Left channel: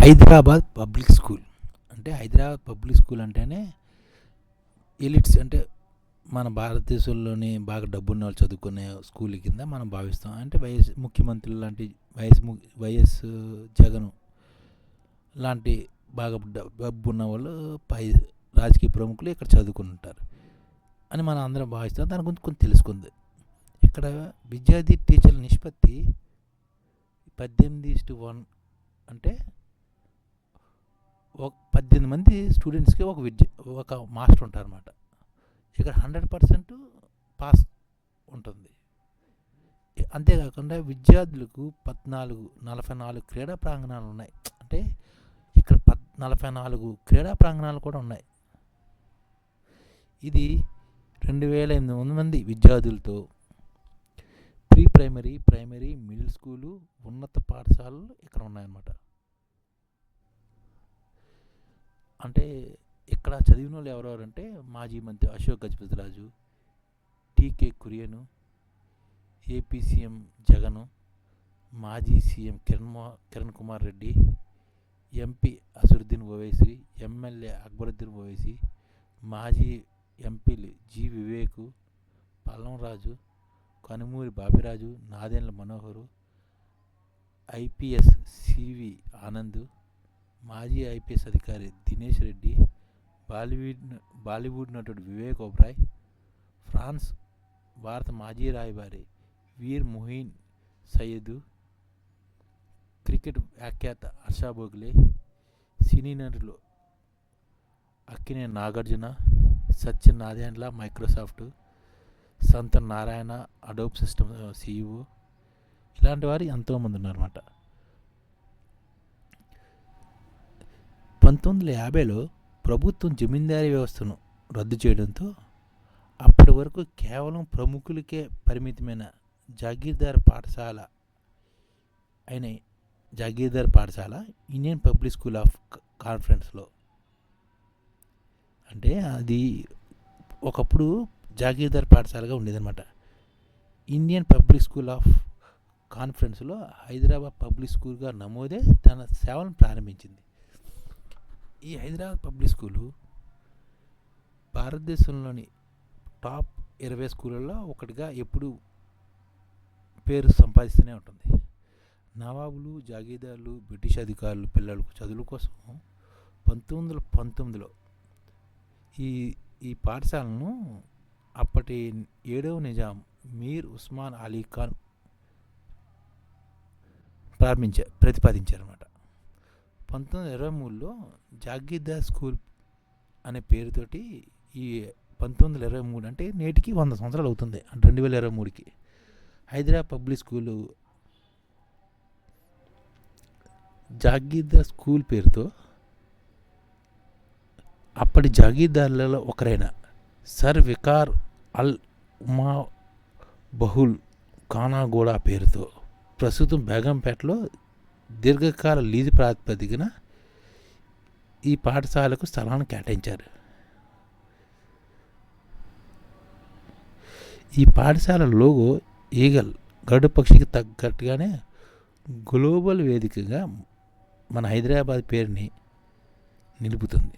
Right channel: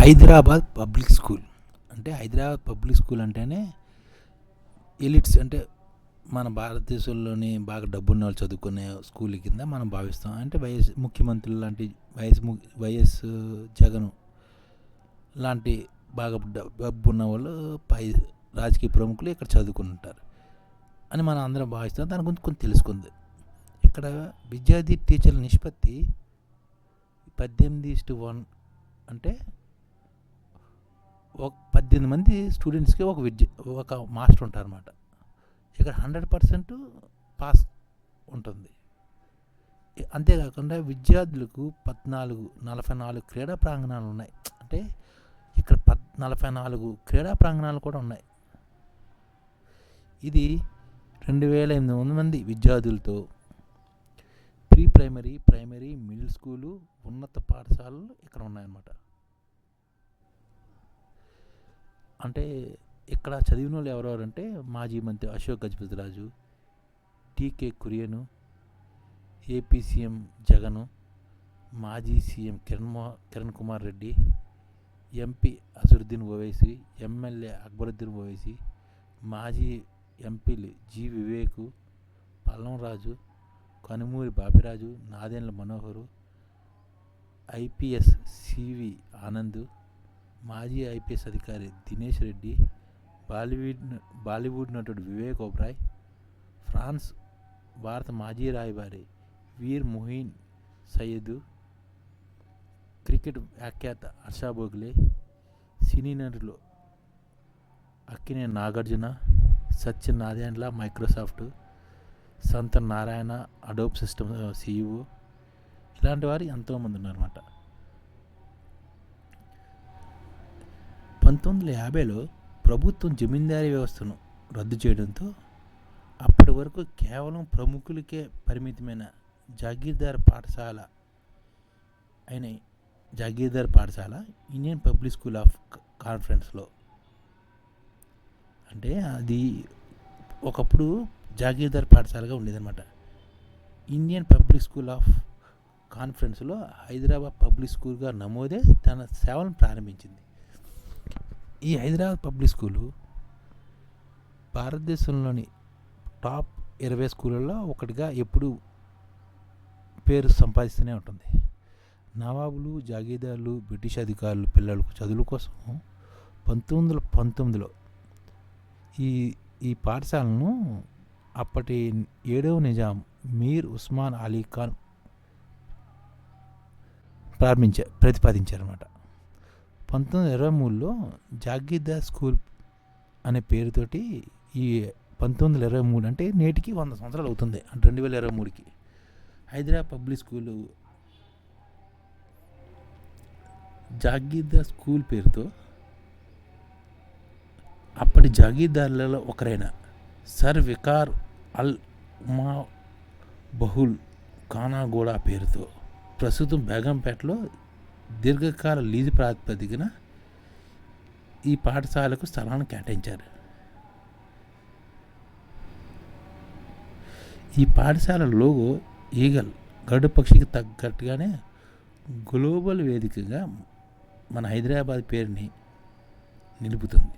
Hyderabad public school. అంటే Hyderabad public school అంటేనే elites అంటే మన భారతదేశంలోని బాగా డబ్బున్న వాళ్ళు చదువుకునే స్కూల్ కింద మనం భావిస్తాం. అంటే వైఎస్ ముఖ్యమంత్రులు లాంటి వైఎస్ ము వైఎస్ జగన్ లాంటి బాగా డబ్బు ఉన్న వాళ్ళు పై రాజకీయ ప్రముఖులు ఇక్కడ చదువుకుని ఉంటారు అని మనం అందరం భావిస్తాం. దాని గురించి కొంచెం తెలుసుకుంది. ఇక్కడ విద్యార్థి టీచర్ల నిష్పత్తి పద్దెనిమిది ఇస్టు వన్ అంటే ఒక పద్దెనిమిది మంది స్టూడెంట్స్కి ఒక విద్య ఒక మాస్టర్ ఉంటారన్నమాట. ఇక్కడ హండ్రెడ్ పర్సెంట్ పాస్ ఉంటుంది. అంతేకాకుండా విద్యార్థులకు పద్నాలుగు నలభై నాలుగు క్రీడా ప్రాంగణాలు ఉన్నాయి. అంటే ఇక్కడ పద్ నలభై నాలుగు క్రీడా ప్రాంగణాలు కూడా ఉన్నాయి. ఇది రెండు వేల ఎనిమిది వందల మంది విద్యార్థులతో pre primary primary middle school ఉన్నత పాఠశాలలు ఇక్కడ ఉన్నాయన్నమాట. అంటే ఇక్కడ చదివిన వాళ్ళు ఎవరెవరంటే మాజీ మంత్రి Ashok Gajapathi Raju TK Kurian AP CM Jagan మాజీ CM Kiran Kiran Kumar Reddy MP Asaduddin Owaisi MLA Akbaruddin Owaisi మాజీ ఎంపీలు G Vivek Pallam Raju Kanumuri Bapiraju Nadendla Manohar IPS CV Anand మాజీ ఐపీఎస్ అధికారి దినేష్ రెడ్డి బాలీవుడ్ బాలీవుడ్ నటుడు Vivek Oberoi France భారత మాజీ రాయబారి వీర్ మొహీన్ Syed cricket వ్యాఖ్యాత హర్షా బోగ్లే సినీ నటులు Akkineni Nagarjuna Satya Nadella Microsoft Shantanu Narayen Adobe system CEO ఇలాంటి వారు ఎంతోమంది ఉన్నారన్నమాట. పంతొమ్మిది వందల యాభైలో ప్రభుత్వం జమీందారీ వ్యవస్థను రద్దు చేయడంతో అప్పటి వరకు కేవలం ప్రముఖులకే పరిమితమైన జాగీర్దార్ పాఠశాల అయిన జాగీర్దార్ పాఠశాల ఇండియన్ పబ్లిక్ స్కూల్ ఆఫ్ కాన్ఫరెన్స్లో. అంటే అది ఒకప్పుడు జాగీర్దార్ పాఠశాలగా ఉండేదన్నమాట. ఇండియన్ పబ్లిక్ స్కూల్ ఆఫ్ కాన్ఫరెన్స్లో హైదరాబాద్ పబ్లిక్ స్కూల్గా నమోదే తన సేవలను ప్రారంభించింది. ఈ హైదరాబాద్ పబ్లిక్ స్కూలు భారతదేశంలోని టాప్ ఇరవై స్కూళ్ళల్లో ఒకటిగా ఎప్పుడు పేరు సంపాదిస్తూనే ఉంటుంది. నవాబులు జాగీదారులు బ్రిటిష్ అధికారులు పిల్లలకు చదువుల కోసం పంతొమ్మిది వందల పంతొమ్మిదిలో ఈ ఈ పాఠశాలను అప్పటి ఏడవ నిజాం మీర్ ఉస్మాన్ అలీ ఖాన్ ప్రారంభించారు ప్రతిపాదించారన్నమాట. పంతొమ్మిది వందల ఇరవై మూడులో జాగీర్దార్ స్కూల్ అనే పేరుతోటి ఈ పంతొమ్మిది వందల ఇరవై మూడు అంటే నేటికి వంద సంవత్సరాలు అవుతుంది అంటే రెండు వేల ఇరవై మూడుకి. Hyderabad public school Jagirdar school పేరుతో అప్పటి జాగీర్దార్లలో ఒకరైన సర్ వికార్ అల్ ఉమా బహుల్ కానాగూడ పేరుతో ప్రస్తుతం బేగంపేటలో దీర్ఘకాల లీజు ప్రాతిపదికన ఈ పాఠశాలకు స్థలాన్ని కేటాయించారు. ఈ పాఠశాల లోగో ఈగల్ గడు పక్షికి తగ్గట్టుగానే గ్లోబల్ వేదికగా మన హైదరాబాద్ పేరుని నిలుపుతుంది.